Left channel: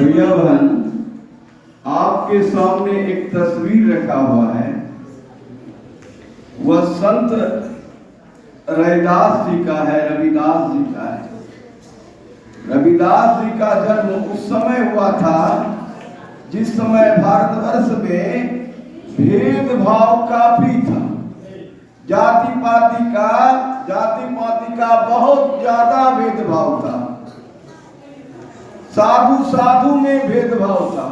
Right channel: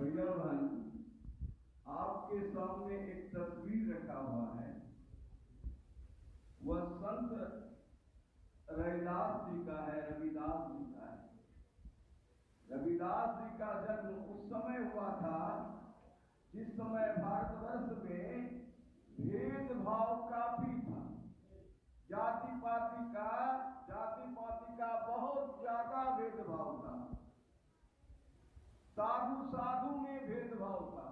भैया बहन, आपके सामने एक तस्वीर रखा हुआ है। वह संत रैदास जी का है, रविदास जी का है। रविदास जी का जन्म उस समय हुआ था जिस समय भारतवर्ष में भेदभाव काफी था। जाति पाति का बहुत ज्यादा भेदभाव था। साधु में भेदभाव था।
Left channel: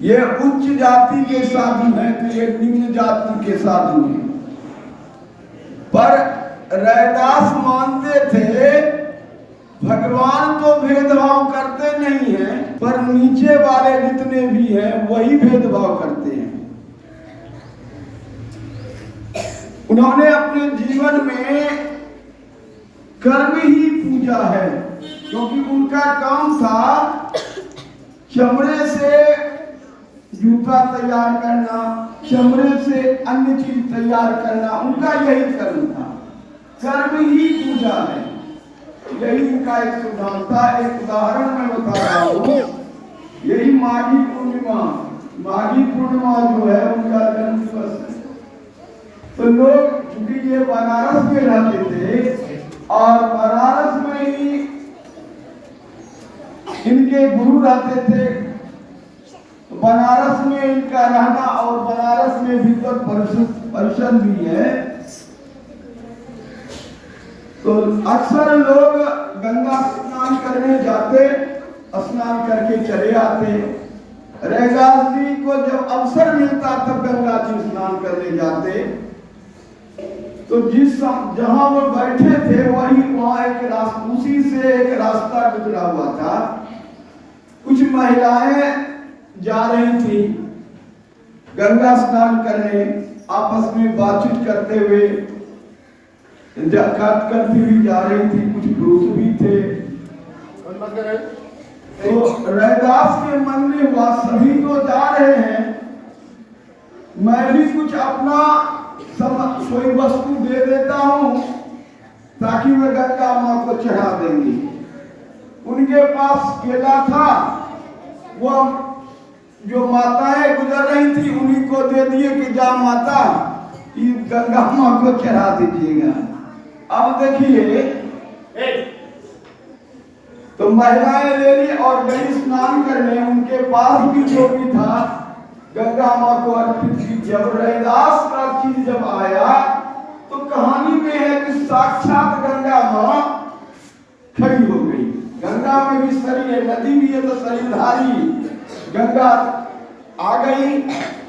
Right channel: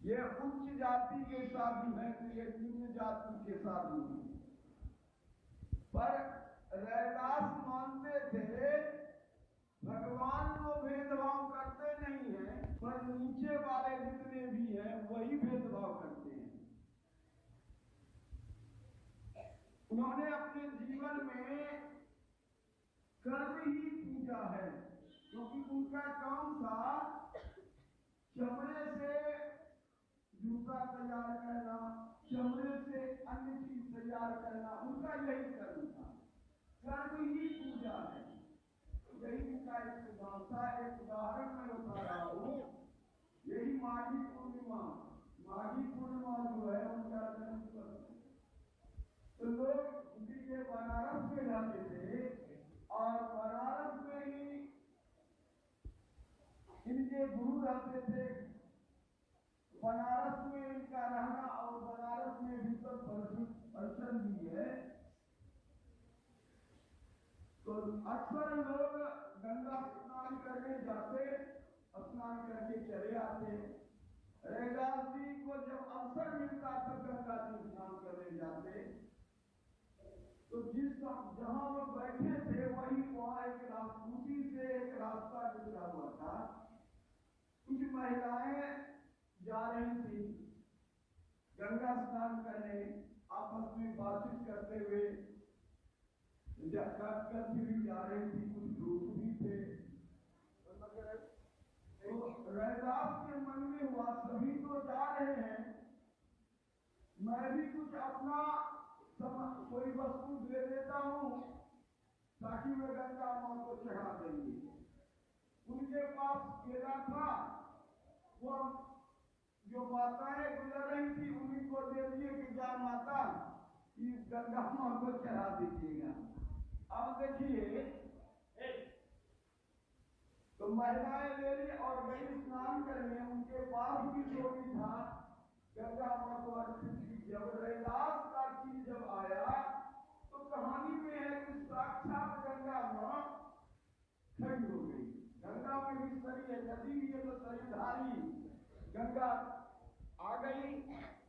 ये उच्च जाति के साधु हैं तो ये निम्न जाति के साधु हैं। पर रैदास मानते थे भगवान तो भेदभाव करते नहीं हैं, पर नीचे वाले जितने भी हैं वही भेदभाव करते हैं। उन्होंने अपने जीवन में कर्म ही पूजा है, क्योंकि उनका काम था चमड़े से जूता तैयार करना, चमड़े से अन्य चीज तैयार करना, उनका यही कर्म था। कर्म ही पूजा है, यही उनका एक सिद्धांत था। एक उदाहरण मैं बता रहा हूँ। यही माघी पूर्णिमा जो है उनका जन्म दिवस है। तो लोग, क्योंकि ये बनारस में रहते थे और बनारस में ही इनके गुरु रहते थे, तो बनारस में इनका रहना और बनारस में विद्वत परिषद भी है। तो अक्सर लोग गंगा स्नान करने जाते, स्नान करके चले आते। रैदास जी को जब अवसर मिलता तब गंगा जी स्नान करने जाते। तो जहां वो बैठे थे वहां एक रास्ता, उसी से एक रास्ता गुजरा हुआ था। कुछ महिलाएं जा रही थी गंगा स्नान करने, आपस में बातचीत करते हुए करती हुई जा रही थी। कुछ पुरुष भी थे। तो रैदास के मन में हुआ सभी तो जा रहे हैं, मैं भी कुछ अपना कोई वस्तु दे देता हूं ताकि वे गंगा मां को चढ़ा देंगी। उनके पास केला था, वह जो माताएं गुजर रही थी उन्हीं को दे दिए कि जा माता गंगा मां को चढ़ा दीजिएगा। अब देखिए, तो महिलाएं ले ली और गई स्नान करने। उनके पास भी जो भी था गंगा मां को अर्पित की। जब रैदास का चीज जब आया तो कहानी में है कि साक्षात गंगा मां खड़ी हो गई। गंगा में भी सरी है, नदी भी है तो सरीधारी गंगा आ गई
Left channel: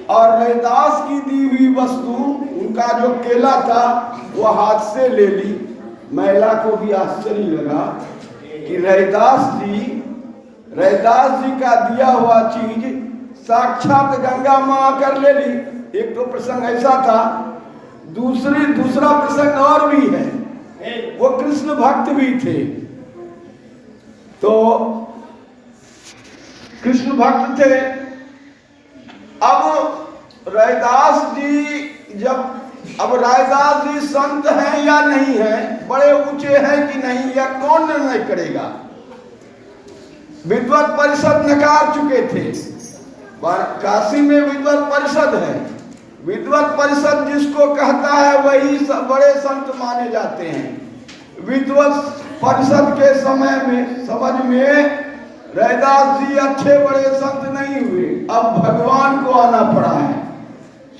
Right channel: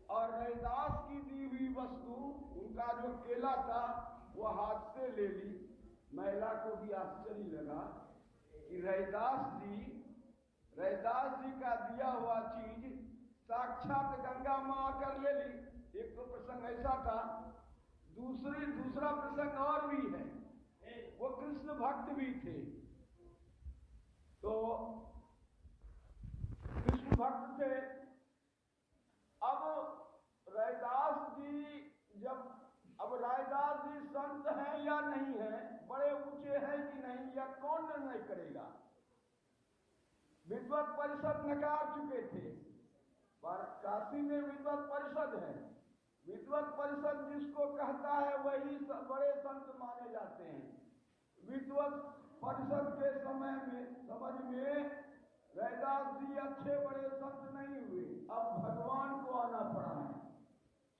और रैदास की दी हुई वस्तु, उनका जो केला था वो हाथ से ले ली। महिला को भी आश्चर्य लगा कि रैदास जी का दिया हुआ चीज साक्षात गंगा मां आकर ले ली। एक तो प्रसंग ऐसा था। दूसरा प्रसंग और भी है। वो कृष्ण भक्त भी थे। तो कृष्ण भक्त थे। अब रैदास जी संत हैं या नहीं है, बड़े ऊंचे हैं कि नहीं, या कौन निर्णय करेगा। विद्वत परिषद नकार चुके थे। काशी में विद्वत परिषद है। विद्वत परिषद जिसको कहता है वही बड़े संत माने जाते हैं। विद्वत परिषद के समझ में रैदास जी अच्छे बड़े संत नहीं हुए। अब भगवान को आना पड़ा है।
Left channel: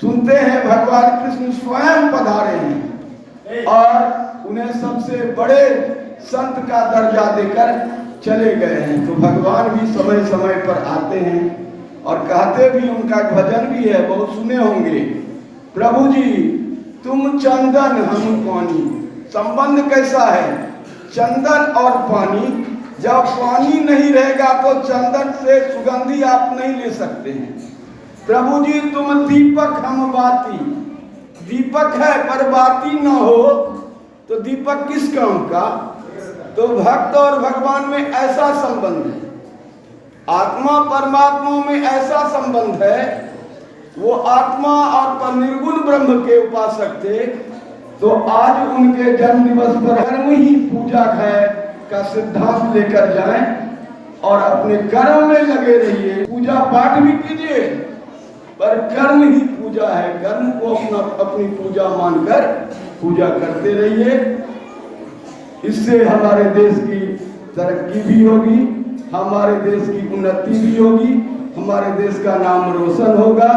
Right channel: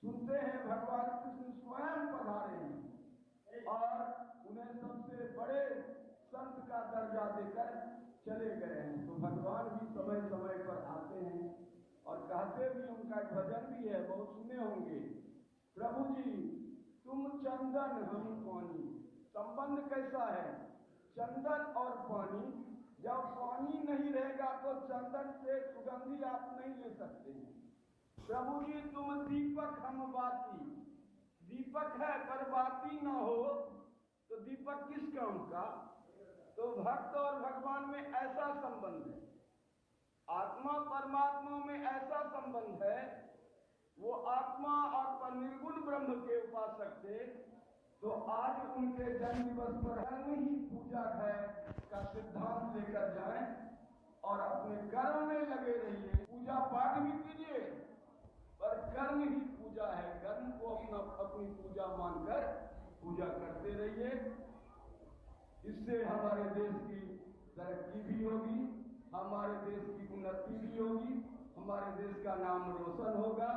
सुनते हैं भगवान कृष्ण स्वयं पधारे हैं और उन्हें सबसे बड़े संत का दर्जा देकर चले गए हैं। तो भगवान भी समय समय पर आते हैं और कहते भी, उनका भजन भी है, बहुत सुने होंगे। प्रभु जी तुम चंदन हम पानी। संबंध कैसा है? चंदन और पानी। जब पानी नहीं रहेगा तो चंदन से सुगंधी आप नहीं ले सकते हैं। प्रभु जी तुम दीपक हम बाती। दीपक है पर बाती न हो तो दीपक किस काम का? तो भक्त और भगवान में ऐसा संबंध है। आत्मा परमात्मा में ऐसा संबंध है। वो आत्मा और निर्गुण ब्रह्म के उपासक थे। तो आज उनके जन्म दिवस पर कर्म ही पूजा है का सिद्धांत लेकर जाएं। और अपने कर्म में लगे रहिए। पूजा पाठ भी कीजिए, पर कर्म ही पूजा है। कर्म को अपनी पूजा मानकर पूजा करते रहिए। इससे हमारे देश की तरक्की भी होगी, हमारे देश की उन्नति भी होगी, हमारे देश का नाम रोशन होगा।